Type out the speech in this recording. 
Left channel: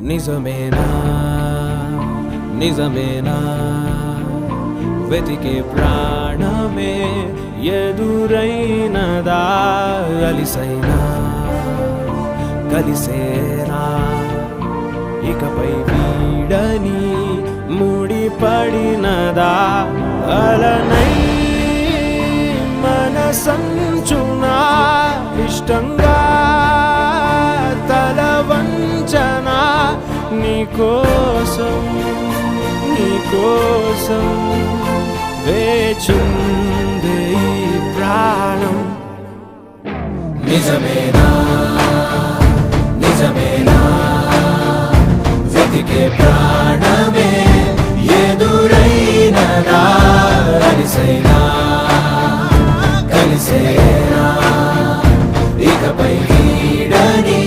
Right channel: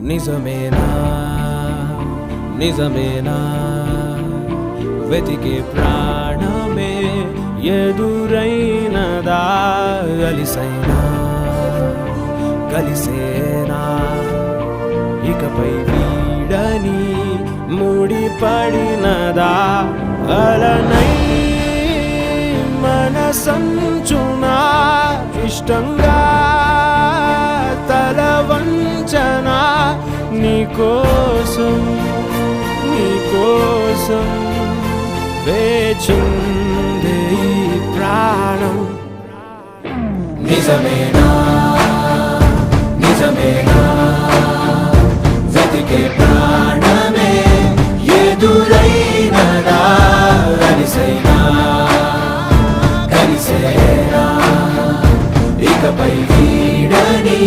నిజమేనా నిజమేనా వెతికే ప్రాణమే ఎదురైనదా అలిసైనా కలిసేనా ఇకపై వీడని ముడిపడినదా అలనై మనసంచునా ఇష్టంగా తల వంచనా నీకోసం వేచిందే ఈ ప్రాణం నిజమేనా నిజమేనా వెతికే ప్రాణమే ఎదురైనదా అలిసైనా కలిసేనా ఇకపై వీడని